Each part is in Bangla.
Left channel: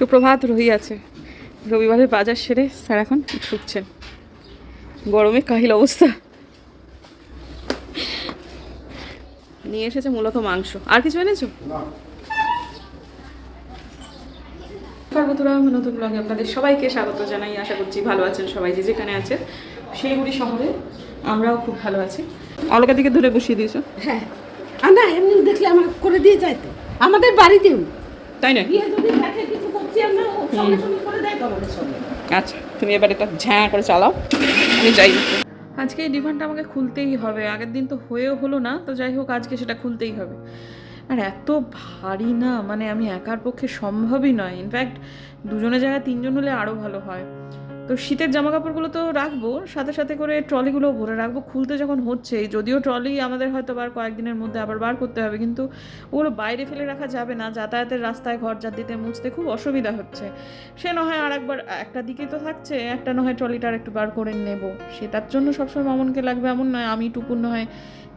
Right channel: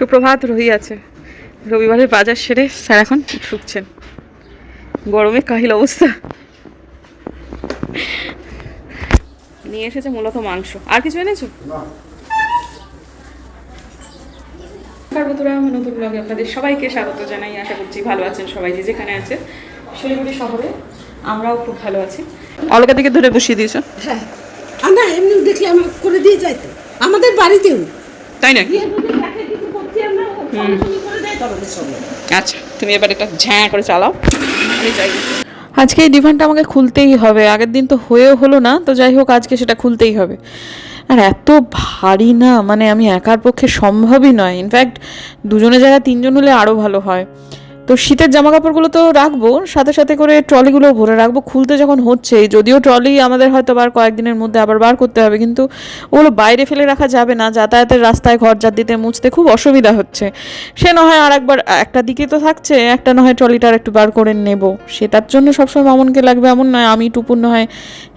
সুপ্রভাত রহি আছে। রবিবারের বাজার সেরে স্যার এখন ঢুকছেন। গরমে কাহিল অবস্থা। নিয়ে এসেছে মূলত মাংস। আর কিছু এনেছো? বন্ধুরা, নতুন ব্লগে আপনাদের সবাইকে স্বাগত জানাই। আশা করছি ভালো আছেন সবাই, যে যেখানে আছে। শিলিগুড়ি শহরে আমরাও খুব ভালো আছি। অলকা দিকে ধরে বসিয়ে দিয়েছ? হ্যাঁ, না এমনি দেখলে আমার করে দিয়ে যায় তো আমাদের বাড়িতেও, তাই নাকি? আচ্ছা, তুমি এবার এটা ঝ্যাঁ করে চালাও, আমি যাই। আজকে এই ডিভানটা আমাকে খুলতেই হবে। আগের দিন তো হয়েও হলো না, তো যাই হোক আজকে সেটা খুলতেই হবে। আর এত ভারী না, মানে আমি একার পক্ষে সম্ভবই নয়। ইনফ্যাক্ট দুজনের জায়গায় তিনজন হলে আরও ভালো হয়। তো শীতের জামা কাপড়গুলো তো রাখবো, সাথে সাথে করে ট্রলিগুলো ভরে রাখবো। খুলতে যখন হচ্ছে, যদিও ট্রলি আমাদের হয়তো বার কয়েকদিনের মধ্যে আবার বার করতে হবে, কিন্তু ওগুলো বাইরে ফেলে রাখা যাবে না। যাতায়াতের রাস্তায় ঘর ঝাড় দিতে মুছতে খুব অসুবিধা হচ্ছে। সে না হয় আর একবার একটা দিকে তো থাকছে, একটা না হয় ট্রলিটা আর একটু বার করে নেব। সেটার জন্য সবসময় মামুনকে লাগবে এমন নয়, আমি টুপুর না হয়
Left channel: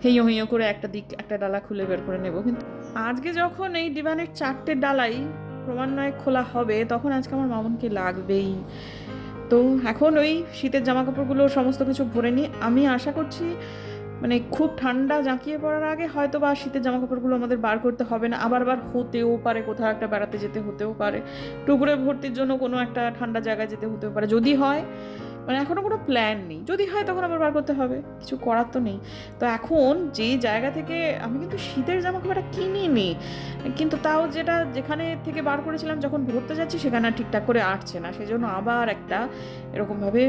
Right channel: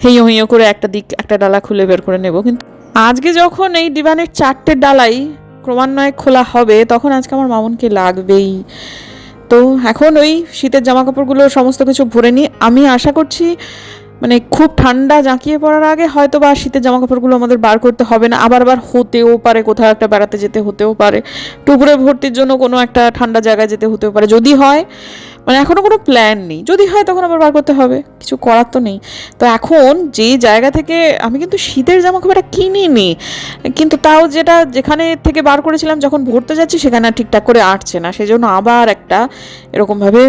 হেঁয়ো হেঁয়ো করে একটা দিক একটা ডালা খুলে বের করে নেব। কিন্তু আজকে যখন এই ডিভানের 4টে ডালাই ক্রমান্বয়ে খোলা হবে, তখন আজকে আমার মামুনকে লাগবেই। তো এখন ওই শীতের জামা কাপড়গুলো সমস্ত কিছু ভরে নিই। আমি আশা করছি মানে খুব ঠান্ডা জাঁকিয়ে পড়ার আগে হয়তো বা শীতের জামা কাপড়গুলো আমাদের বার করতে হবে না। আবার হতেও পারে, কোথাও একটা বেড়াতে যেতে হতেও পারে, টুকরে ভর্তির জন্য কোনো একটা ঠান্ডা জায়গায় যেতে হতেও পারে। যদি হয়, মানে এখনও কোনো প্ল্যান নেই, যদি হয় তখন আবার বার করতে হবে, কিছু করার তো নেই। তো এখন যে জায়গা থেকে আমি কিন্তু শীতের জামা কাপড়টা কিনিনি, কিন্তু তাও যেটা যেখানে থেকে বার করেছিলাম যখন ভরতে যাচ্ছি সেখানে ঠিকঠাক করে আটছে না, সেই জন্য আবার একটা এরকমভাবে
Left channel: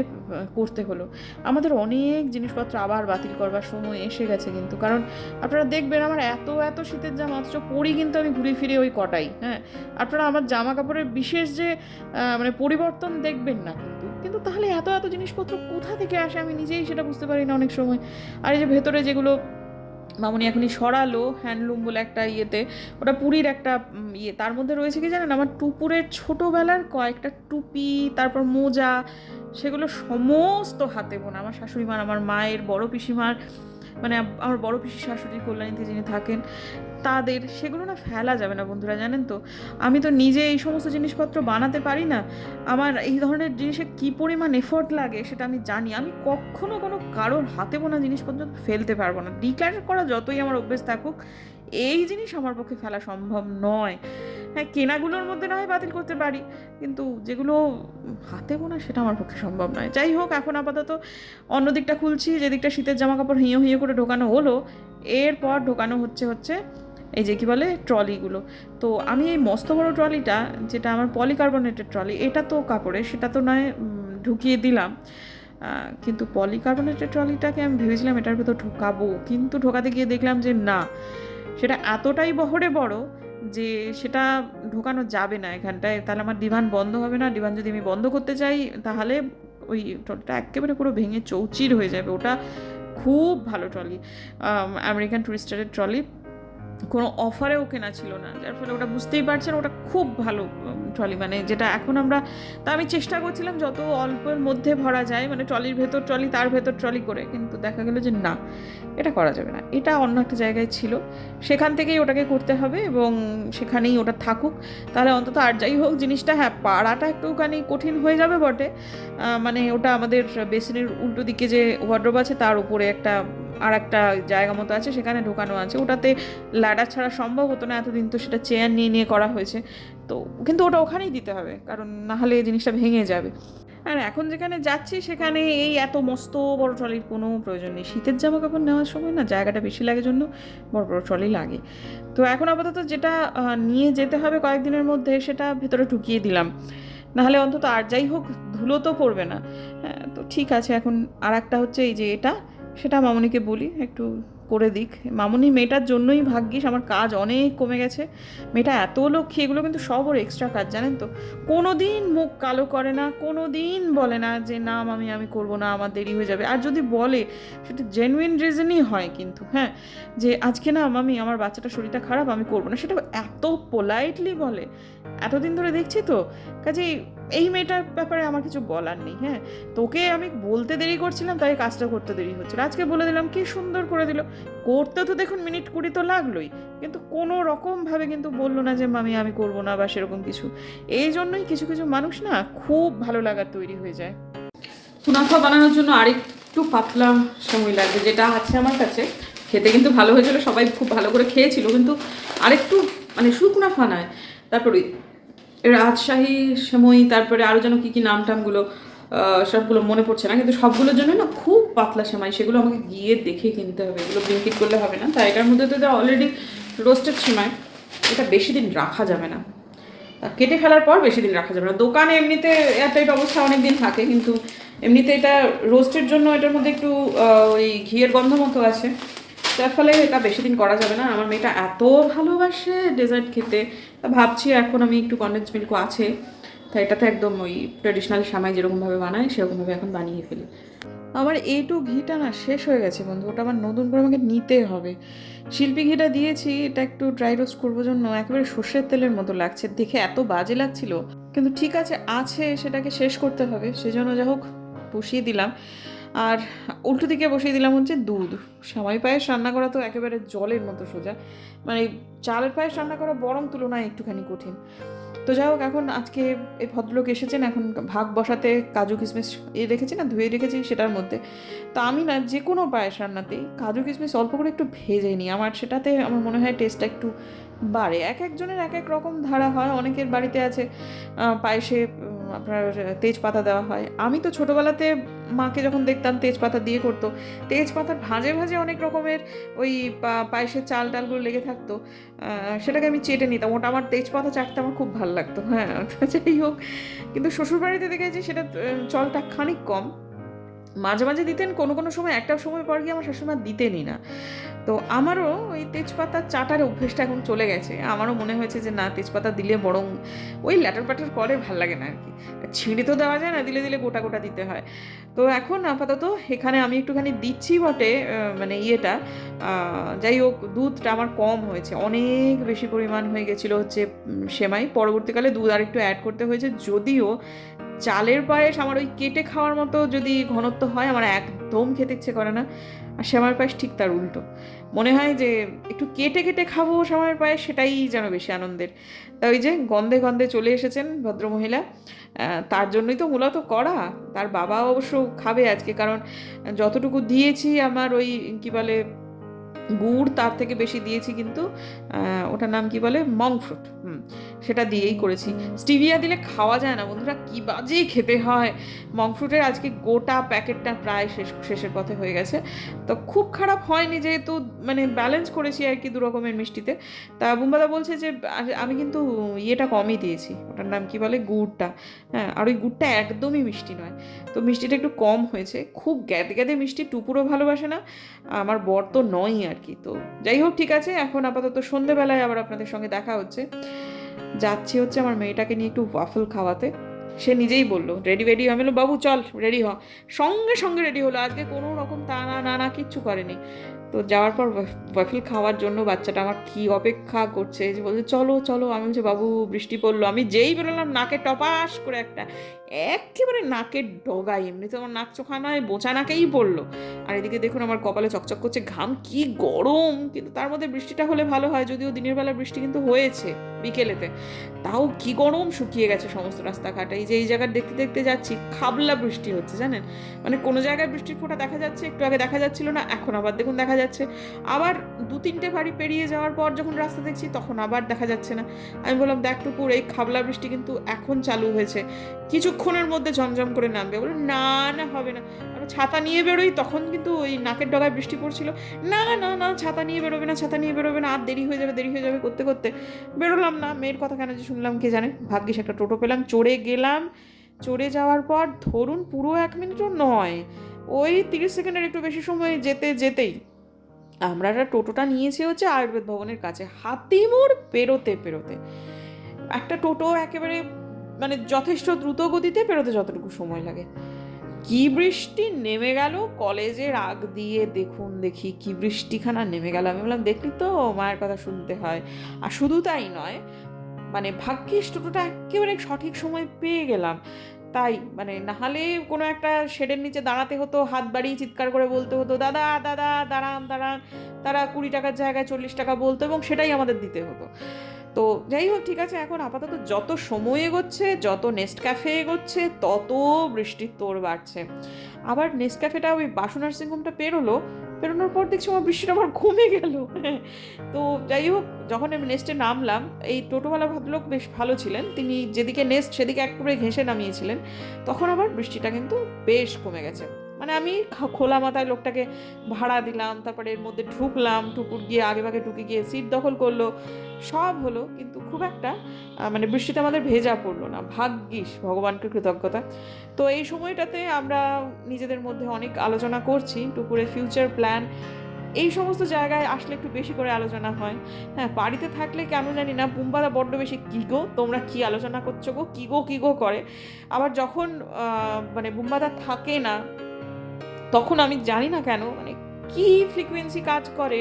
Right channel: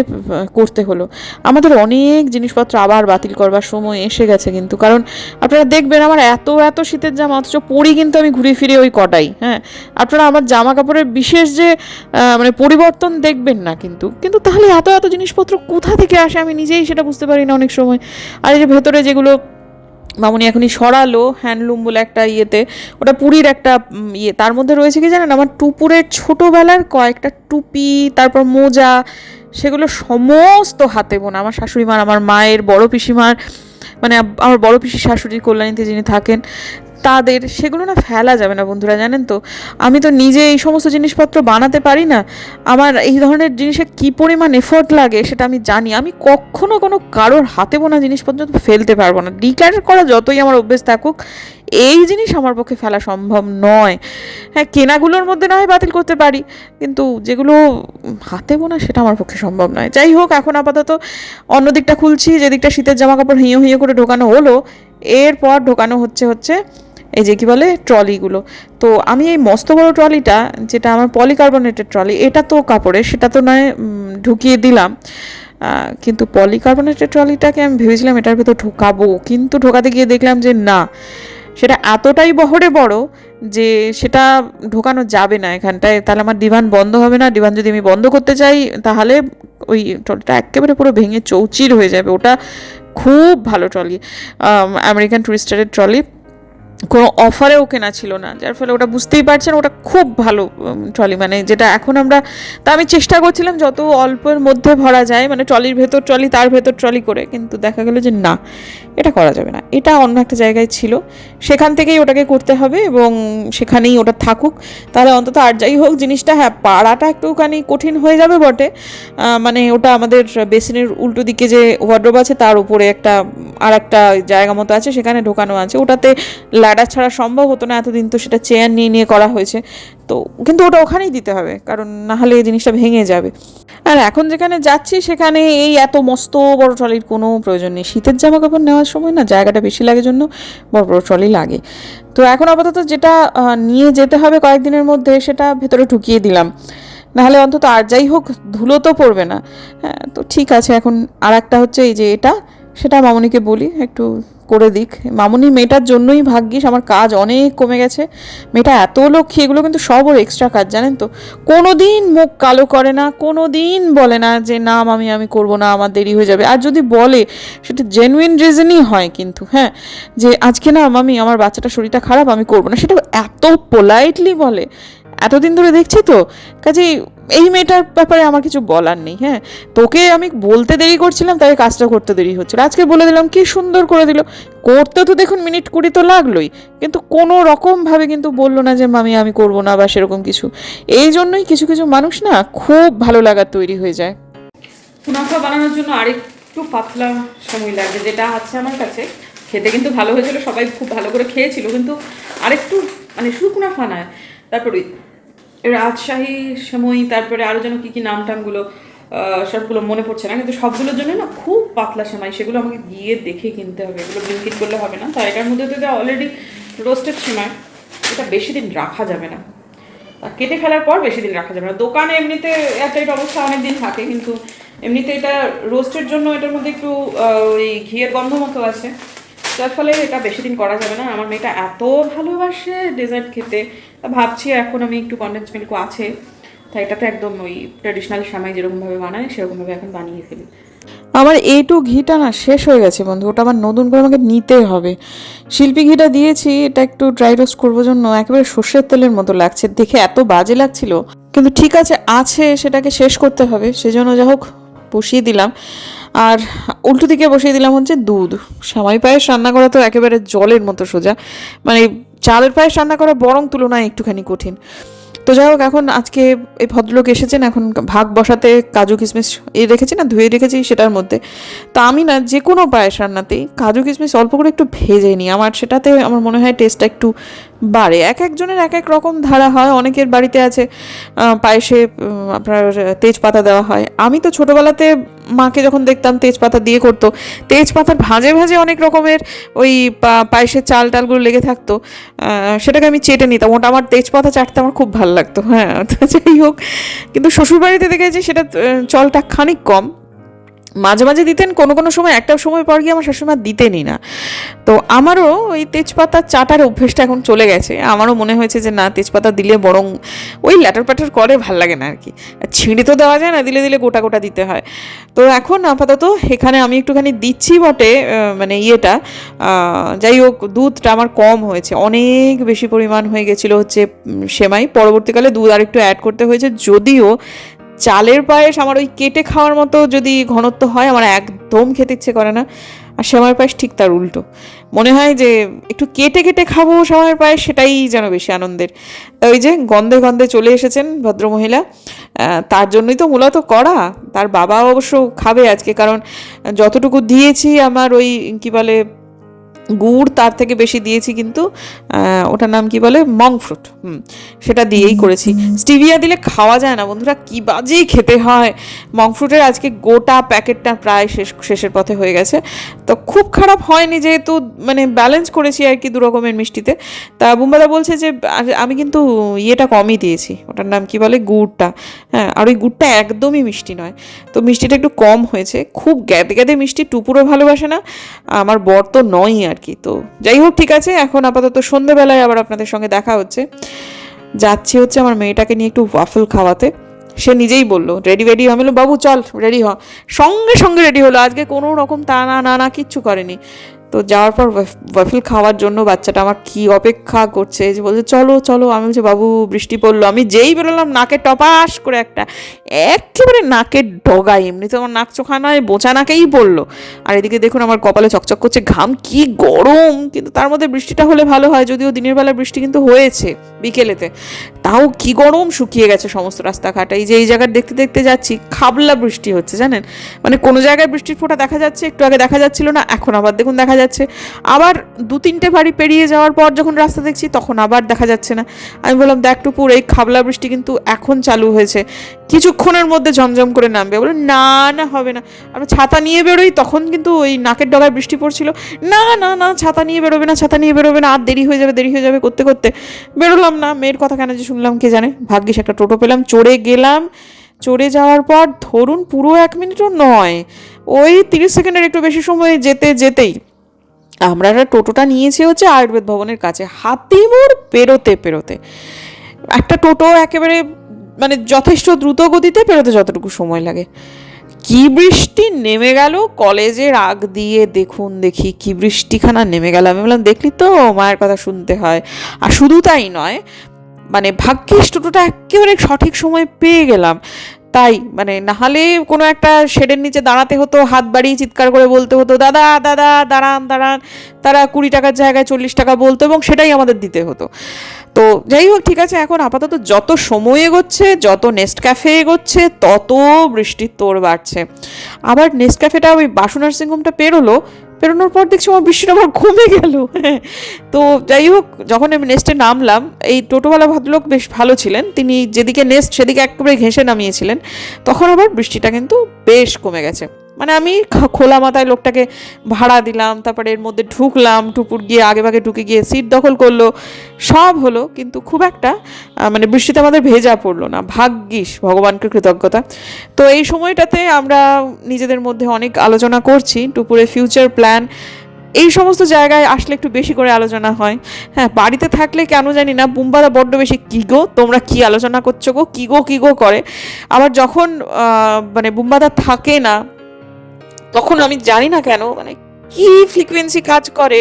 করতে হলো। আমাদের অনেক জিনিসপত্র আবার বাতিল করবার সময় এসে গেছে কিন্তু, কারণ আপনারা দেখবেন আমার এত এত শীতের জামা, অথচ পরি কিন্তু আমি ঘুরে ফিরে ওই কটাই। হ্যাঁ, আপনারা আমার জামা কাপড়ের বিশেষ যে মানে পরিবর্তন দেখবেন না, কিন্তু কিন্তু তাহলে এত এত জিনিসপত্র কোথা থেকে আসে আমি নিজেই সেটা বুঝতে পারি না অনেক সময়। আর এই যে ভেতরে যেগুলো মামুনি এখনই সরালো হ্যান্ডলুম বলে একটা ইয়েতে, ওটা পুরীর একটা ইয়ে, তার মধ্যে রয়েছে কি জানেন, আমার টুপুরের ছোটোবেলার কয়েকটা টুপি, তারপর মোজা, সেগুলো সমস্ত হাতে বোনা। আমার শাশুড়ি মার, আমার মায়ের, বড় পিসিমার, মানে আমার বড় পিসির শাশুড়ি কল্যাণীতে যিনি থাকেন তাদের, সেগুলো না ফেলা যাবে না বন্ধুরা, জানেন তো। আমি তো নিজে এই সমস্ত জিনিসপত্র বানাতে পারি না। আমার এই ধরনের জিনিসে কী পরিমাণ এফোর্ট লাগে সেটা আমি জানি। আমি কখনো কোনো কারোর হাতে বোনা জিনিসপত্র ফেলতে পারবো না। ডিক্লেয়ার করা যতই আমার অভ্যেস থাকুক, এই জিনিস আমার পক্ষে ফেলা সম্ভব নয়। হ্যাঁ, কেনাগুলোর মধ্যে না হয় বাতিল করতে পারি, কিন্তু যেগুলো হাতে বোনা সেটা আমার পক্ষে সম্ভব নয়। যাই হোক, এখন আপাতত অন্য দিকটা খুলছি, যে দিকটা শীতের জামা কাপড় হিঁয়ো হিঁয়ো করে ঢোকানো হলো, এরপর ঢোকানো হচ্ছে এই যে কী বলে ট্রলিগুলো। তো আমি এই মস্ত বড় ট্রলিটা, যেটা আমার পলিকার্বনেটের ট্রলি, এটা তো কাপড়ের, সেটা তো নয় ঢুকিয়ে দিলাম। কিন্তু পলিকার্বনেটের ট্রলিটাকে আমি ভেবেছিলাম এটার ভেতর ঢোকাবো, কিন্তু ঢোকাতে গিয়ে দেখলাম যে না, সেটা এতটাই বহরে বড় যে সেটা ঢোকানো যাবে না এখানটায়। তাহলে আমার ডিভান বন্ধ হবে না। ডিভান যদি আমি বন্ধ করতে চাই, তাহলে ওই ট্রলিটা একেবারে পুরো ভেঙে চৌচির হয়ে যাবে। ওটা খুব ভালো ট্রলি, আমেরিকান টুরিস্টারের ট্রলি, কোনো অফারেও কেনা ছিল না, যার ফলে ওটা বুঝতেই পারছেন ওটা খুব ভালো ট্রলি, মানে যেটা এখন আমরা, তা আমি চেষ্টা করছিলাম যত অল্পের মধ্যে ভরা যায়, মানে ট্রলির ভেতর ট্রলি তার ভেতর ট্রলি করে, কিন্তু দেখা গেল যে না, এটা করা যাবে না। এটা অন্য একটা জায়গায় ছিল, সেখান থেকেই ওটাকে করতে হবে এবং সেখানেই ওটা থাকুক। তাহলে অন্তত আর যাই হোক জিনিসটা, হ্যাঁ পাড়াটা একটুখানি কঠিন হয়ে যাবে বটে। মানে ওটা আমাদের বেসিনের উল্টো দিকে যে ওয়ার্ডরোব আছে তার উপরে একটা আর একটা জায়গা মতো আছে, সেখানে ঢোকানো আছে। ওটাতে ল্যাডার ছাড়া সম্ভব হতো না এতদিন, তো সেটা চেয়ার নিয়ে নিয়ে করা হয়েছে। তো কিন্তু ওটা ওখানেই দিতে হবে, কারণ না হলে এই জিনিসটা ভেঙে যাবে। আর এখন যেখানে যাচ্ছি সেখানে এই এত মস্ত বড় ট্রলির কোনো প্রয়োজন নেই। শীতের জামা কাপড় নেওয়ার সময় না জায়গাটা বেশি লাগে জন্য বড় বড় ট্রলি লাগে। তো এখন আপাতত যেটা নিয়ে যেতে হবে কয়েকদিনের মধ্যে, সেটা ভেতরে ঢুকিয়ে দিলাম, নাহলে অন্তত আর যাই হোক ধুলো তো পড়বে না। হ্যাঁ, তো ঠিক আছে। এখন আর একটা হচ্ছে এই যে এটা, সেটা মামুনিকে বলি একটু করে দিক। মামুনি মেয়েটার জন্যই ভাগ্যিস আমার কাজ অনেক কমে গেছে। মেয়েটা এত লক্ষ্মী, এগুলো কিন্তু সব ওর এক্সট্রা কাজ, জানেন তো। কোনো দিন মুখ কালো করে না, কোনো দিন বলে না যে না মামি আমি করবো না, আমার দেরি হয়ে যাবে। আর যদি বলে সেটা জেনুইন রিজনই হয়, কিন্তু হ্যাঁ, যে আজকে না মামি আমার বাচ্চাটার শরীরটা খারাপ, আমি করবো না, সেটা এত পোলাইটলি বলে, এতদিন ধরে দেখছি তো, কাজেই এই মেয়েটার ব্যাপারে আমার কিছু বলার নেই। হ্যাঁ, তোকে আমি বলতে দেরি করছিলাম, তাই কাজটা করতে দেরি হচ্ছিল, আজকে বলে দিলাম, কি সুন্দর করে দিল। করতে তো দেখুন মিনিট 20 তো লাগলোই, কিন্তু কোনো রকমভাবে কিন্তু বললো না যে মামি আমি করবো না বা সেরকম কিছু। এই জন্যই কিছু কিছু মানুষ না খুব ভালো লাগার তৈরি হয়ে যায়। মুনাফা বানানোর জন্য আরেকটু পাতলা সময় লাগবে, যেটা আছে আমার কাছে। খেতে কিন্তু ভালো হয়েছিল, সবাই খুব ভালো করে খেয়েছিল, কিন্তু আরেকটু মানে শুকনা ফানায়। তারপরে রাজশাহী সময়, তারপরে আরও যেন কী কী নাম টামগুলো সবগুলো মনে পড়ছে না, কিন্তু সবগুলোর জন্য না খুব পাতলা সেমাই, সেগুলো আমাকে গিয়ে দেখে কিনতে হবে, এগুলো ব্লিঙ্কিট করলে হবে না। তাই এটার মধ্যে তো অলরেডি রোস্টেড সেমাই, এটা বেশি দিন রাখা যাবে না, কেটে ফেলার পর বেশি দিন রাখা যাবে না। দোকানে এমনিতে এয়ারটাইট অবস্থা অনেক দিন থাকে, কিন্তু এমনিতে এটা রোস্টের জন্য এটার মধ্যে একটু ওই ঘিয়ের গন্ধ মতো আছে, যার ফলে এটা বেশি দিন করা যাবে না। আমার মেয়েটা এত ভালোবাসে ডেজার্ট খেতে, ভাবছি এখন আমি একটু কনডেন্স মিল্কও আছে, তাই এটাতে একদম ওই ট্রেডিশনাল সময় যেরকমভাবে বানায় সেরকমভাবে এখন বানিয়ে ফেলি। আমার এইটু ঘিটা না শেষ হয়ে গেছে বন্ধু, ওটা আমার নতুন করে আমাকে নিতে হবে। শিল্পী ঘিটা দিয়েছি, এটা একটু ড্রাই রোস্ট করবো জন্য, একেবারে সর্ষের তেলের মতো লাগছে, দেখে এত বাজে লাগছিল, কিন্তু ঠিক আছে সেটাকে শেষ করতে হবে, সেজন্য যা হোক বসিয়ে দিলাম। আর উল্টো দিকে বসিয়ে দিলাম হচ্ছে দুধ। সেমাই পায়েস রান্না করা তো একেবারে জলের মতো সোজা, মানে চালের পায়েস রান্না করা বরং তুলনায় একটুখানি কঠিন। তো যাই হোক, এখন আজকে এই ভদ্রলোক এসেছেন, এখন ভাগ বসাতে কাজু কিশমিশ রেখেছি না, ধুয়ে রেখেছি সেটার মধ্যে। তো আমি না যে কোনো পায়েস রান্নাতেই কাজু কিশমিশ অল্প করে একটু ভেজে নিই, আমার সেটাতে আমার মনে হয় টেস্টটা একটু বাড়ে। এক একজনের এক এক রকম ধারা হয়, অনেকের বাড়িতে আছে পায়েসে আপনার তেজপাতা দেওয়া হয়। আমি তো ছোটোবেলাতে মাকে যখন দেখতাম তেজপাতা দিয়ে করতো, তেজপাতার ভাঁজে ভাঁজে অনেক রকমের ওই পায়েসের চাল টালগুলো লেগে থাকতো, সেটাকে আমি চেটে নিতাম, ওটা আমার তেজপাতা চাটতে আমার খুব ভালো লাগতো। হ্যাঁ, তো যাই হোক, কিন্তু শ্বশুরবাড়িতে দেখেছি সেটা চলটা খানিক কম, মাঝে মাঝে দিতেন, কোনো কোনো সময় একটা সময় পর গিয়ে আমার শাশুড়ি মা দিতেনই না। তো আমারও ওই তেজপাতা চাটার অভ্যেসটা এখন চলে গেছে, আমারও মনে হয়েছে যে না, তেজপাতা দিলে বরং ওই ল্যাটার প্যাটার করে ভাল লাগে না আর কি, ছিঁড়ে তো দেওয়া যায় না, দিলে দিলে গোটা গোটা দিতে হয়। তো এখন আপাতত এখানে আমি একটুখানি দিচ্ছি বটে, মানে ইয়েটা, যাই হোক দুধটা আমার কম হয়েছে, অনেক বেশি পরিমাণ হয়ে গেছিলো হচ্ছে সেমাই, পরবর্তীকালে দুধ আর একটু অ্যাড করতে হয়েছে। যদিও চালের পায়েস আমার ওই কেটে খাওয়ার মতো যদি ঘনত্ব হয় আমার একদম খেতে ইচ্ছে করে না, আর সেমাইয়ের পায়েস ঠিক তার উল্টো, মনে হয় যে একটু কেটে কেটে খাবো সেমাইয়ের পায়েস, সেটাই যেন বেশি আনন্দের। তা ওই যে গন্ধে গন্ধে চলে এসেছেন ভদ্রমহিলা, তার জন্যই তো মূলত করা। তার বাবা অবশ্য খাবে আজকে, কারণ যতটুকু দিয়েছি আমার ওই কি বলে গুড়, তার থেকে বেশি দিয়েছি, কিন্তু ওটার নাম কি বলে, মং ফ্রুট, সেটা দিয়েই করেছি। স্টিভিয়া দিলে খাওয়া যায় না বন্ধুরা, কি বাজেই খেতে হয়। মং ফ্রুটের আজকে গোটা প্যাকেটটা প্রায় শেষের পথে হয়ে গেছে, তো খুব খারাপ হয়নি, যেহেতু মানে ব্যালেন্স করেছি আর কি দু রকমের মিষ্টিতে। তা বুম্বাদা বলছে যে আমি কিন্তু ইয়েটা কমই দিয়েছি, ওটার নাম কি বলে, গুড়টা। হ্যাঁ, আর ওই গুড়টা একদমই মিষ্টি নয়, তো মিষ্টিটা একটু কম হয়েছে, খুব গ্যাদে গ্যাদে মিষ্টি টুপুরও ভালোবাসে না, আমার বর তো নয়ই আর কি। তো যাই হোক, ঠিক আছে, এখন আপাতত সন্ধ্যেবেলায় আবার আপনাদের সঙ্গে দেখা হচ্ছে। যাচ্ছি হচ্ছে আমার মেয়েটাকে নিয়ে একটু ওয়াফল খাওয়াতে, সে নিজেই বললো রেডি আমি বললাম বাবু চল রেডি হ, সঙ্গে সঙ্গে রেডি হলো, আজকে কোনো রকম তা না না না কিচ্ছু করেনি। তো যাওয়ার পর ওয়াফল খাওয়ার জন্য বাচ্চাটা আমার কি অপেক্ষা করছে, যে বলছে চলো চলো, আমি বলছি বাবু বৃষ্টি পড়লো, আমি যেই বেরোলাম নাকে টপাস করে একটা একেবারে নাকের ডগায়, এমনি তো আমার নাক চোখা নয়, বোচা নাকেই পড়লো। আর এদিকে দেখুন আমার কপালে চকচক করছে ঘাম, কি গরম, কিন্তু তার মধ্যে বৃষ্টিটা হলে ভালো হয়, যদিও দিনের বেলা বৃষ্টি কিন্তু হয়েছে বিকেলেতে, তাও কি গরম, শুকিয়ে গেছে সমস্ত রাস্তাঘাট। এই যে এই জায়গার দেখতে দেখতে যাচ্ছি, খাবলা বৃষ্টি হচ্ছে জানেন, মানে কোনো জায়গায় বৃষ্টির ফোঁটা দেখা যাচ্ছে, একটু আগে দেখা যাচ্ছিল না, এখন আবার দেখুন দেখা যাচ্ছে, আবার 2-3টে বাড়ি পেরিয়ে যাওয়ার পর যখন রাস্তা দেখছি তখন আবার দেখা যাচ্ছে না। আমি বললাম দেখ টুপুর, এই খাবলা বৃষ্টি কিন্তু এখন চালু হয়েছে, কিছুক্ষণের মধ্যে ঝমঝম করে নামবে। বলে না না হবে না, আমরা ছাতা নিয়ে বেরোই, তখন কিন্তু ওই নাকের ডগায় বৃষ্টি পড়ছিল, না না না ছাতা নিয়ে বেরোবে না, ছাতা নিয়ে বেরোবে না, আর দেরি হয়ে যাবে করতে করতে বেরোলাম না। মেয়ের কথা কেন যে শুনলাম কে জানে, ভাগ্যিস একটা টোটো পেলাম, চড়ে গেলাম। চড়ে যাওয়ার পর ধরুন পুরো 1 মিনিটও নয়, ওই 30 সেকেন্ডের একটু বেশি সময় যেতেই আমরা একটা টোটোটা নিয়েছি হচ্ছে আয়ুর্বেদ ভবনের কাছে, হাতিমোড় পেরোতে একটা টোটো একেবারে মানে যথেষ্ট দ্রুত গতিতে পেরোতে যতটুকু সময় লাগে। কি বৃষ্টি নেমে গেল কলেজের আগ দিয়ে, দেখি কি বৃষ্টিখানা নেমে গেল। আমি বললাম দেখলি তো, মায়ের কথা শুনতে হয়। আর শুধু তাই নয়, মানে ভাগ্যিস টোটোটা একেবারে সঠিক সময় পেয়ে গেলাম, তাই মানে নাহলে কোনো একটা শেডের নিচে দাঁড়াতে হতো, হাত বাড়িয়ে চিৎকার করে বলতে হতো দাদা দাদা দাঁড়ান দাঁড়ান, তারা 20 টাকার জায়গায় 40 টাকা বলতো এবং সেটাই আমাদের দিতে হতো। তো যাই হোক, ঠিক আছে, এখন আপাতত যত সময় এগোচ্ছে, যত নেস্টক্যাফে এগোচ্ছে, তত বৃষ্টির তোড় বাড়ছে। আবার নেস্টক্যাফেটা ওই বাসু নার্সিংহোমটা পেরোনোর পর দেখছি আমার বৃষ্টিটা আবার কমে গেল। তো যাই হোক, যখন আমি নেস্টে নামলাম, এই টোটোওয়ালা ভদ্রলোক বেশ ভালো ছিলেন, তিনি যেদিকে নেস্ট সেদিকে একেবারে ঘেঁষে নামিয়েছিলেন, তখন আবার বৃষ্টিটা কিন্তু বেশ কমে গেছে। মানে আমি খোলা মাথায় লোকটাকে ভাড়া দিলাম, তারপরে এর মধ্যে ঢুকলাম, টুপুর গিয়ে আগে ভাগে ঢুকে গিয়ে সিট দখল করলো, সব হলো, কিন্তু খুব একটা মানে বৃষ্টিতে আমাদের ভেজা পড়লো না, ভাগ্যিস, ভগবানকে কৃতজ্ঞতা। তো এই সময়টাতে আমরা নিজেদের মধ্যে অনেক আলোচনা করছি টুপুরের ফিউচার প্ল্যান, এই সমস্ত জায়গায় আসলে একটু বেশি করে আলোচনা হয়। হ্যাঁ, বাড়িতে থাকলে কেন জানি না বুম্বাদা বড্ড বেশি কী গো তোমরা কি আলোচনা করছো গো, কী গো করে। আবার যখন মানে বুম্বাদা থাকে না, তখন আমি জানি না কেন মানে কি ফ্রিকোয়েন্সি কাজ করে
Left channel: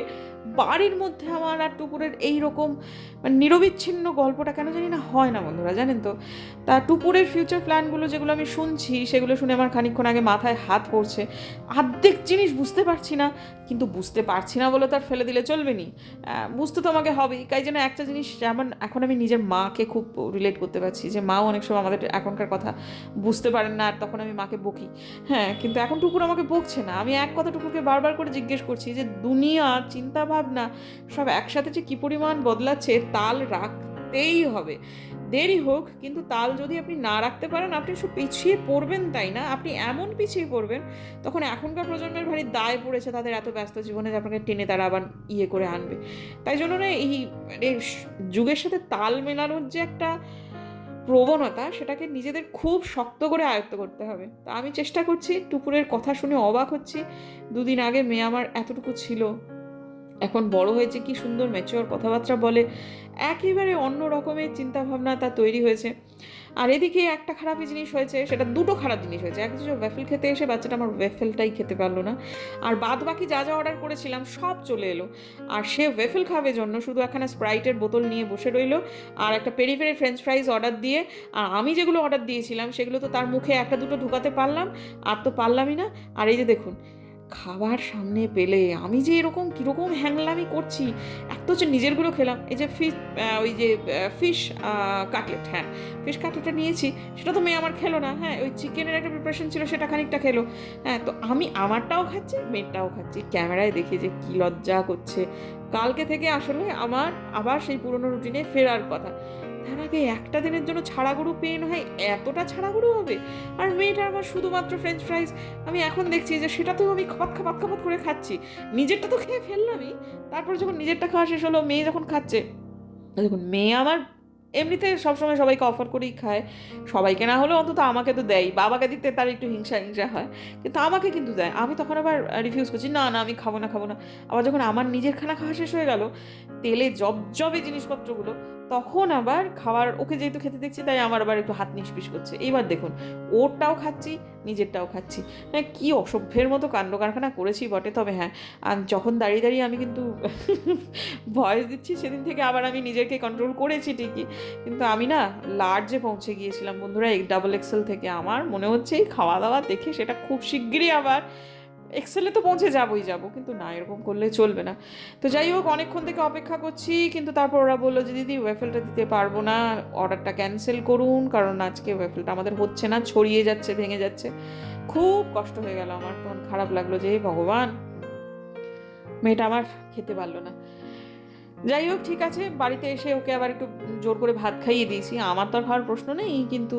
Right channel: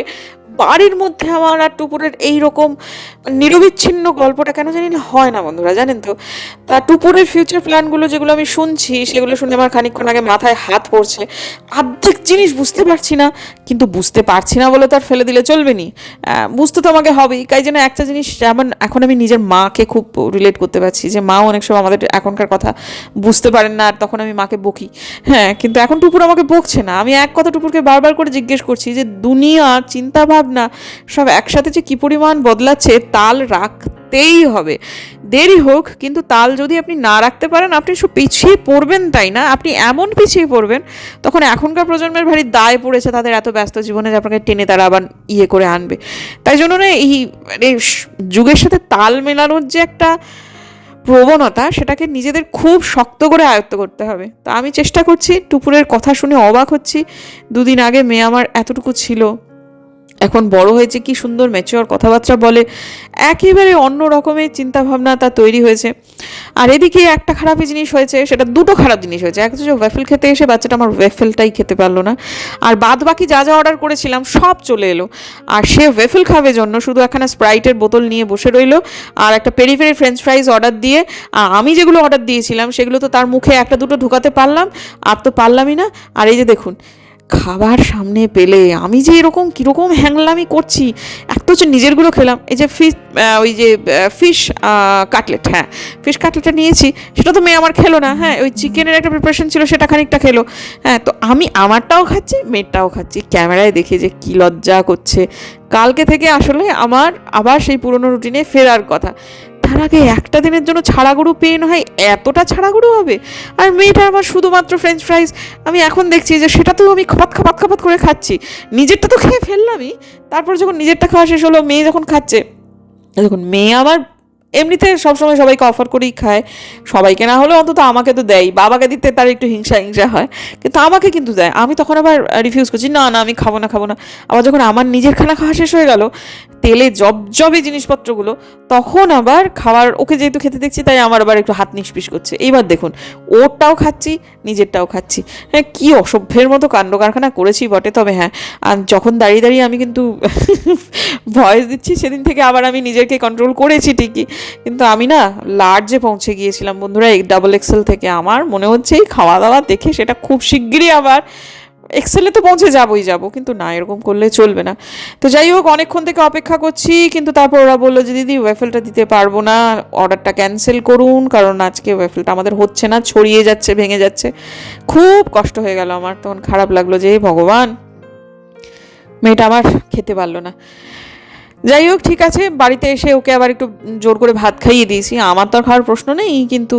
বাড়ির মধ্যে আমার আর টুপুরের এইরকম নিরবিচ্ছিন্ন গল্পটা কেন জানি না হয় না বন্ধুরা, জানেন তো। তা টুপুরের ফিউচার প্ল্যানগুলো যেগুলো আমি শুনছি, সেগুলো শুনে আমার খানিকক্ষণ আগে মাথায় হাত পড়ছে। অর্ধেক জিনিস বুঝতে পারছি না, কিন্তু বুঝতে পারছি না বলে তো আর ফেলে দিলে চলবে নি, বুঝতে তো আমাকে হবেই। তাই জন্য একটা জিনিস, যেমন এখন আমি নিজের মাকে খুব রিলেট করতে পারছি, যে মাও অনেক সময় আমাদের এখনকার কথা বুঝতে পারেন না, আর তখন আমি মাকে বকি। হ্যাঁ, কিন্তু এখন টুপুর আমাকে বকছে না, আমি এক কথা টুপুরকে বারবার করে জিজ্ঞেস করছি যে দুনিয়া চিন্তা ভাবনা সব একসাথে যে কি পরিমাণ বদলাচ্ছে, তাল রাখতেই হবে, দেরি হোক, কিন্তু তাল যদি আপনি না রাখতে পারেন, আপনি সব পিছিয়ে পড়বেন, তাই না? আপনি এমন পিছিয়ে পড়বেন, তখন এখনকার প্রজন্মের ভারী দায় পড়েছে তাদের এত ব্যস্ত জীবনে, যে আপনাকে টেনে তারা আবার ইয়ে করে আনবে। তাই জন্য না, এই যুগের সাথে তাল মেলানোর যে একটা প্রবণতা, সেটাকে নিজেদের খুব শক্ত করে আয়ত্ত করতে হবে। তো আমি চেষ্টা করছি, টুপুরের কথা শুনে অবাক হচ্ছি, 2 দিন আগে মেয়ে আমার এতটুকু ছিল, এখন বড় হয়েছে, কি সুন্দর ম্যাচিওর কথাবার্তা বলে, একেবারে অন্য রকমের চিন্তাভাবনা তার তৈরি হয়েছে। আর এদিকে একটা খারাপ জিনিস হয়েছে, সেটা দুটো খারাপ জিনিস হয়েছে। এক হচ্ছে ওয়েফেল খেতে এসে বাচ্চাটা আমার ওয়েফেলটাই খেতে পারলো না, আর বাদ বাকি যা যা অর্ডার করেছিলাম সব চলে এলো, আর সে ওয়েফেল খাবে জন্য শুধু একখানা স্প্রাইটের বোতল নিয়ে বসে রইলো, আর একটা peri peri French fries order দিয়ে, আর আমি যেগুলো অর্ডার দিয়েছিলাম সেগুলো তো তার মুখে একটা দুটো ঢুকাতে পারলাম, আর তো পারলামই না। আর এই যে দেখুন, খাবার সামনে পেলে আমি যে এরকম কীরকম হ্যাংলামি করছি। এক তো হচ্ছে নিজেরগুলো খেলাম, এই যে ফিশ কাটলেট, হ্যাঁ ফিশ কাটলেটটা নিয়েছি, সেটা তো মেয়ে আমার খেলো না। হ্যাঁ, ওই চিকেনের একটা প্রিপারেশন ছিল, সেটা খানিকটা খেলো। হ্যাঁ, তো আমি আমারটাও খাচ্ছি, মেয়েরটাও খাচ্ছি, ক্যামেরায় দেখে যে কী লজ্জা করছে। কালকে থেকে আসলে আমার আবার সেই পুরনো রুটিনে ফেরার কথা। তার আগে একটা দিনের জন্য ছাড়াগুড়ো পেয়ে না হয় এতটা ছাড়াগুড়ো হবে, আর মেয়েটা আমার শুধুমাত্র ফ্রেঞ্চ ফ্রাইজ। আমি এখন দেখছি যে সেটা তো আমি খাপাত করে খাচ্ছি, নিজেরটা তো খেয়ে ফেললামই, তারপর যখন নিজেরটা খাওয়া শেষ হলো, মেয়ে যখন খাচ্ছে, দেখুন মেয়ে আমার এমনিতে সবসময় সবাইকে অফার করেই খায়, সবাইকে না হলেও অন্তত আমাকে তো দেয়, বাবাকে দিতে তার একটু হিংসা হয়, কিন্তু আমাকে কিন্তু দেয়। আমি তখন আবার রিফিউজ করছি, না আমি খাবো না। আবার যখন আমার নিজের খানা খাওয়া শেষ হয়ে গেল, তেলে জবজবে জিনিসপত্রগুলো, তখন আবার খাওয়ার, ওকে যেহেতু খেতে দেখছি, তাই আমার আবার একটু হাত নিষ্পিস করছে। এইবার দেখুন, ওরটাও খাচ্ছি, নিজেরটাও খাচ্ছি। হ্যাঁ, কী অসভ্যের মতো কাণ্ড কারখানা করেছি বটে। তবে হ্যাঁ, যখন দাঁড়িয়ে আমি কিন্তু ভয়েস দিচ্ছি, সেদিন থেকে আবার আমি নিজেকে কন্ট্রোল করেছি ঠিকই, কিন্তু আমি না লার্জে পৌঁছে গিয়েছিলাম বন্ধুরা, XXL থেকে। আমার মনে হচ্ছে এই খাওয়া দাওয়া দেখে সেটা খুব শিগগিরই আবার এক্সেলে তো পৌঁছে যাবো, কিন্তু না, এরকম করলে চলবে না। তো যাই হোক, অনেকক্ষণ থেকে অপেক্ষা করছি, কিন্তু তারপর ওরা বললো যে দিদি ওয়েফেলটা দিতে পারবো না, অর্ডারটা ক্যান্সেল করুন, কারণ আজকে ওয়েফেলটা আমাদের হচ্ছে না, ছড়িয়ে যাচ্ছে, ভেঙে যাচ্ছে। খুব কষ্ট হয়ে গেল আমার, তখন খারাপ লাগলো যে ভগবান, মেয়েটা আমার খেতে পারলো না। যাই হোক, ঠিক আছে, বাড়িতে এসে ওকে আবার একটু জোর করে ভাত খাইয়ে দিয়েছি। আমার তো আর খাওয়ার প্রশ্ন নেই, কিন্তু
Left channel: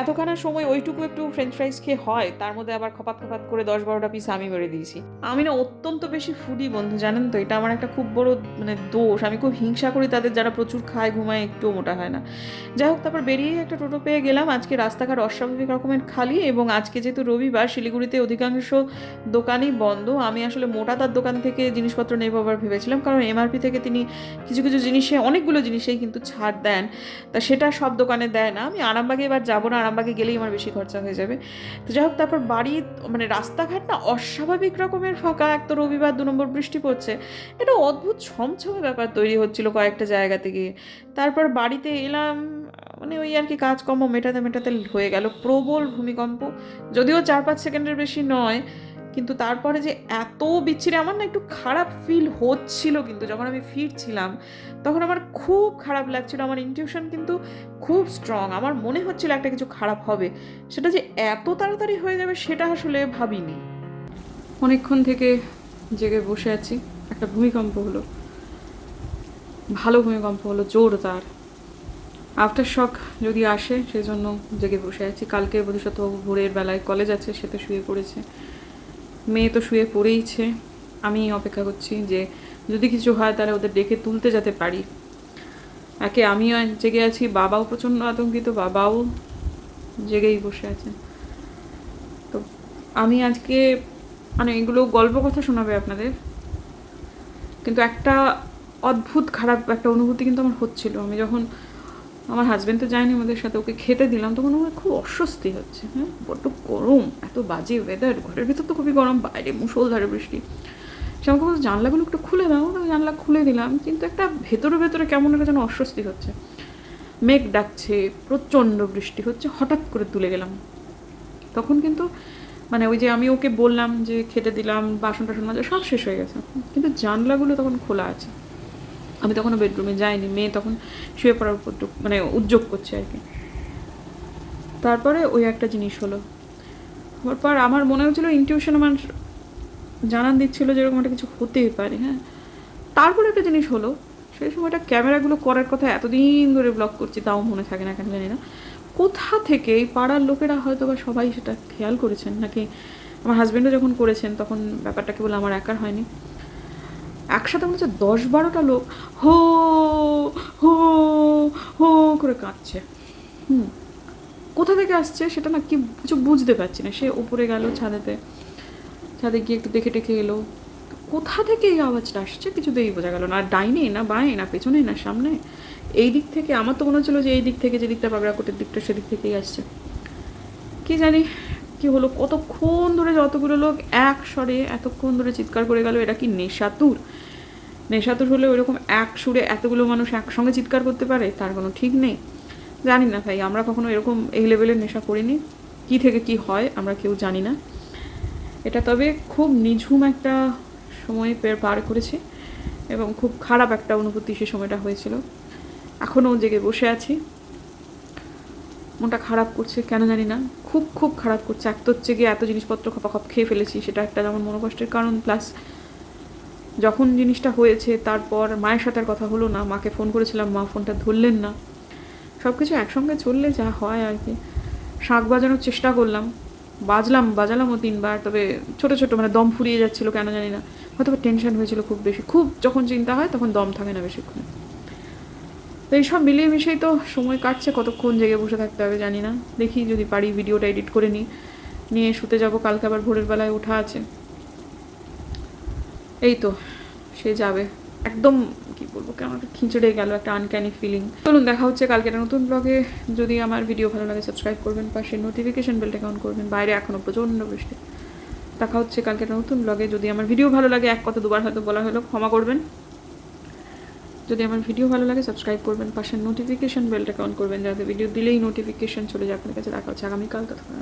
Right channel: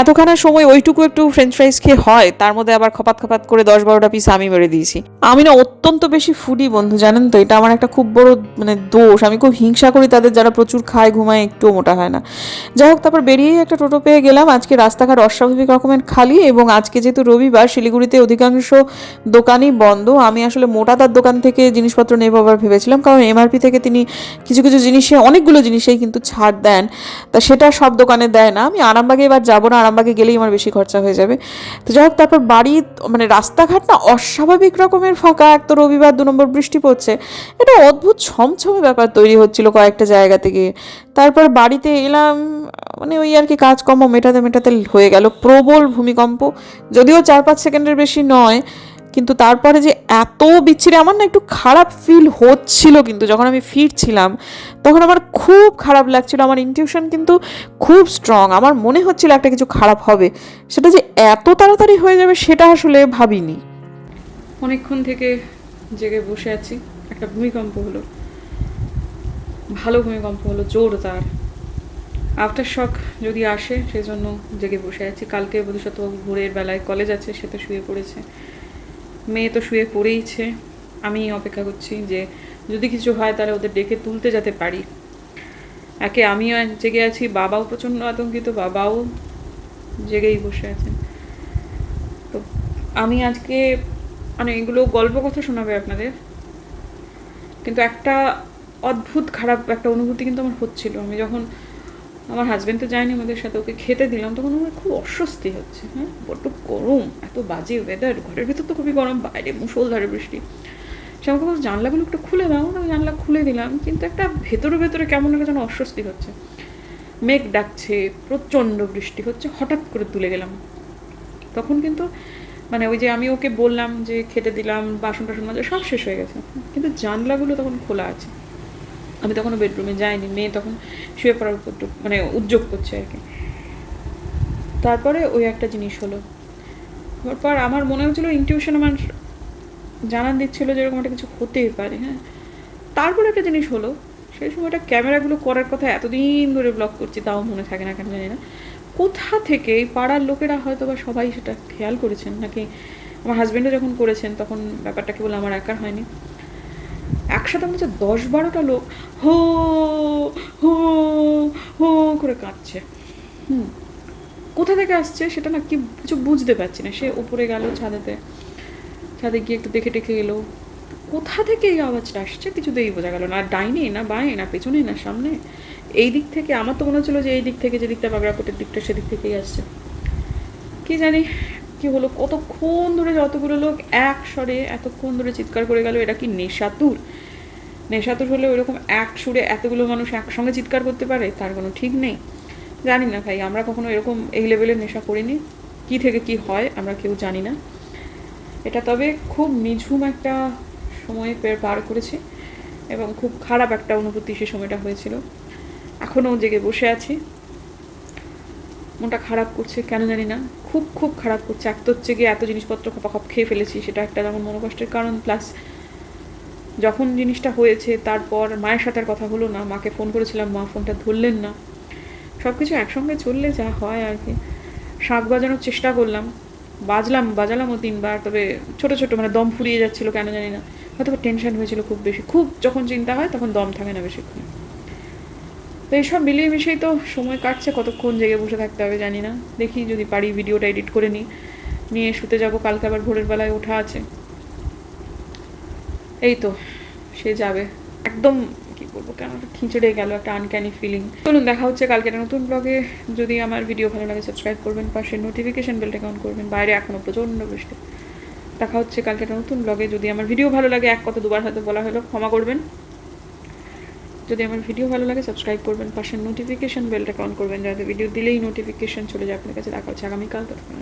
এতখানা সময় ওইটুকু একটু ফ্রেঞ্চ ফ্রাইজ খেয়ে হয়, তার মধ্যে আবার খপাত করে 10-12টা পিস আমি মেরে দিয়েছি। আমি না অত্যন্ত বেশি ফুডি বন্ধু, জানেন তো, এটা আমার একটা খুব বড় মানে দোষ। আমি খুব হিংসা করি তাদের যারা প্রচুর খায়, ঘুমায়, একটুও মোটা হয় না। যাই হোক, তারপর বেরিয়েই একটা টোটো পেয়ে গেলাম। আজকে রাস্তাঘাট অস্বাভাবিক রকমের খালি, এবং আজকে যেহেতু রবিবার, শিলিগুড়িতে অধিকাংশ দোকানই বন্ধ। আমি আসলে মোটা তার দোকান থেকে জিনিসপত্র নেবো আবার ভেবেছিলাম, কারণ MRP থেকে তিনি কিছু কিছু জিনিসে, অনেকগুলো জিনিসেই কিন্তু ছাড় দেন, তা সেটা সব দোকানে দেয় না। আমি আরামবাগে এবার যাবো না, আরামবাগে গেলেই আমার বেশি খরচা হয়ে যাবে। তো যাই হোক, তারপর বাড়ি, মানে রাস্তাঘাট না অস্বাভাবিক রকমের ফাঁকা, এক তো রবিবার 2 নম্বর বৃষ্টি পড়ছে, এটা অদ্ভুত ছমছমে ব্যাপার তৈরি হচ্ছিল কয়েকটা জায়গা থেকে। তারপর বাড়িতে এলাম, মানে ওই আর কি কাজকর্ম মেটাতে মেটাতে হয়ে গেল প্রবল ভূমিকম্প, যদিও 4-5 সেকেন্ডের বেশি নয়, কিন্তু তারপরে যে এত বিচ্ছিরি, আমার না একটু খারাপ ফিল হচ্ছিল, কিন্তু যখন আমি ফিরছিলাম তখন আমার খুব খারাপ লাগছিল। আমার ইনটিউশন কিন্তু খুব স্ট্রং, আমার মনে হচ্ছিল একটা কিছু খারাপ হবে, সেটা যে এত তাড়াতাড়ি হয়ে যাবে সেটা আসলে ভাবিনি। অনেকক্ষণ থেকে জেগে বসে আছি, একটা ভূমিকম্প হলো, ভালো ভূমিকম্প হলো, জোরদার। আফটার শক যদি আসে সেজন্য জেগে বসে আছি। কালকে বধূসত্ত্ববাবু ভোরের বেলায় কলেজ আছে, সে তো শুয়ে পড়েছে, মেয়ে তো শুয়ে পড়েইছে। আমি অপেক্ষা করছি যে যদি কিছু হয় তাহলে ওদের ডেকে তুলতে যেতে পারি। একে আমিও জেগে আছি, বাবাও প্রচণ্ড আতঙ্কিত, বাবাও জেগেই বসে আছেন। তো আমি আজকে মানে এগুলো গল্প কথা শোনাবে আপনাদের, কিন্তু একটা অদ্ভুত খারাপ একটা অনুভূতি কিন্তু আমার হচ্ছিল। আমি যখন, আমার হাজব্যান্ড তো যায়নি আমাদের সাথে, ওকে খেতে দিলাম, তখন আমার খুব অস্বস্তি হচ্ছে। হ্যাঁ, বড্ড গরম, এত বাজে ওয়েদার, ঘরের ভিতর তো খুবই গরম, বাইরে মুষলধারে বৃষ্টি। সে আমাকে বলছে জানলাগুলো একটু খুলে দাও, আমি জানলা খুলে দিলাম, কিন্তু একটা ভেতরে ভেতরে কেমন একটা যেন অস্বস্তি হচ্ছে। মেঘ ডাকছে, প্রচণ্ড বৃষ্টি হচ্ছে, হঠাৎ করে তুলে গেলাম। তখন কিন্তু মানে ওই যে আমি ওকে বললাম যে খেতে দিলাম, বাসন টাসন মাজা সব শেষ হয়ে গেছে, কিন্তু জানলাগুলো তখন খোলা আছে। আমি তখনও বেডরুমে যাইনি, মেয়ে তখন শুয়ে পড়ার উপর মানে উদ্যোগ করছে আর কি। তারপরে ওই একটা জিনিস হলো, তারপর আমার মনে হচ্ছিলো ইনটিউশন আমার জানান দিচ্ছিলো যে এরকম একটা কিছু হতেই পারে। হ্যাঁ, তারপরে একটা জিনিস হলো, সেই সময়টা ক্যামেরাগুলো করার কথা এতদিন ধরে ব্লগ করছি, তাও মনে থাকে না কেন জানি না। কোথা থেকে এই পাড়ার লোকেরা হয়তো বা সবাই সেটা খেয়াল করেছেন, নাকি আমার হাজব্যান্ডও যখন করেছেন তখন ব্যাপারটা কেবল আমার একার হয়নি, একসাথে মনে হচ্ছে 10-12টা লোক হো হো হো করে কাঁদছে। কোথা থেকে আসছে সেটা না কি কিছু বুঝতে পারছি না। সে উপরে গেল ছাদে গিয়ে একটু দেখে টেকে এলো, কোথা থেকে এই আওয়াজটা আসছে কিছুতেই বোঝা গেল না, ডাইনে না বাঁয়ে না পেছনে না সামনে, এই দিক থেকে। আমার তো মনে হচ্ছিলো যে এই দিক থেকে, যে দিকটা বাগড়াকোটের দিকটা, সেদিক থেকেই আসছে। কি জানি কি হলো, কতক্ষণ ধরে যতগুলো লোক এক স্বরে এতক্ষণ ধরে চিৎকার করে গেল। এটা কি নেশাতুর? নেশাতুর হলে ওইরকম এক সুরে এতগুলো মানুষ একসঙ্গে চিৎকার করতে পারে, তার কোনো ঠিক নেই। জানি না ভাই, আমরা কখনো এরকম এই লেভেলের নেশা করিনি, কি থেকে কি হয় আমরা কেউ জানি না। এটা তবে খুব নিঝুম একটা সময় পার করেছি, এবং খুব খারাপ একটা অনুভূতি সে সময়টা হয়েছিল। এখনও জেগে বসে আছি, মনটা খারাপ করছে কেন জানি না, খুব খুব খারাপ করছে। এক তো হচ্ছে গিয়ে এত জিনিসপত্র খপাখপ খেয়ে ফেলেছি, সেটা একটা যেমন মনোকষ্টের কারণ, প্লাস যখন জিনিসটা হয়েছে তারপর মায়ের সাথে আর কথা হলো না। মাকে ফোন করেছিলাম, মা ফোনটা ধরলেন না। সব কিছু একসঙ্গে চললে যা হয় আর কি। শাঁখ বাজানোর চেষ্টা করলাম, বাজালামও 3বার, তবে ছোটো ছোটো মানে দম ফুরিয়ে যাচ্ছিলো কেন জানি না, হয়তো টেনশন হয়েছিল খুব বেশি। খুব যখন চিন্তা হয় তখন দম থাকে না বেশিক্ষণ। তো এইসব মিলিয়ে মিশিয়েই তো সময় কাটছে, কতক্ষণ জেগে বসে থাকতে হবে জানি না। দেখি যদি পারি ভিডিওটা এডিট করে নিয়ে শুতে যাব, কালকে আবার ভোরের বেলায় ওঠা আছে। এই তো সে যাবে একদম, কি বলবো, কেন একটা খিঁচড়ে গেল, একটা আনক্যানি ফিলিং। চলুন দেখা হচ্ছে কালকে একটা নতুন ব্লগে। যদি আমার ভিডিও ভালো লাগে সাবস্ক্রাইব করবেন, পাশে নোটিফিকেশন বেলটা অন করবেন। বাইরে এখনও প্রচণ্ড বৃষ্টি। দেখা হচ্ছে কালকে একটা নতুন ব্লগে। যদি আমার ভিডিও ভালো লাগে, এক কথা দুবার হয়তো বলা হলো, ক্ষমা করবেন। যদি আমার ভিডিও ভালো লাগে সাবস্ক্রাইব করবেন, পাশে নোটিফিকেশন বেলটা অন করবেন, যাতে ভিডিও দিলেই নোটিফিকেশন চলে যায় আপনার কাছে। দেখা হচ্ছে আগামীকাল, ততক্ষণ।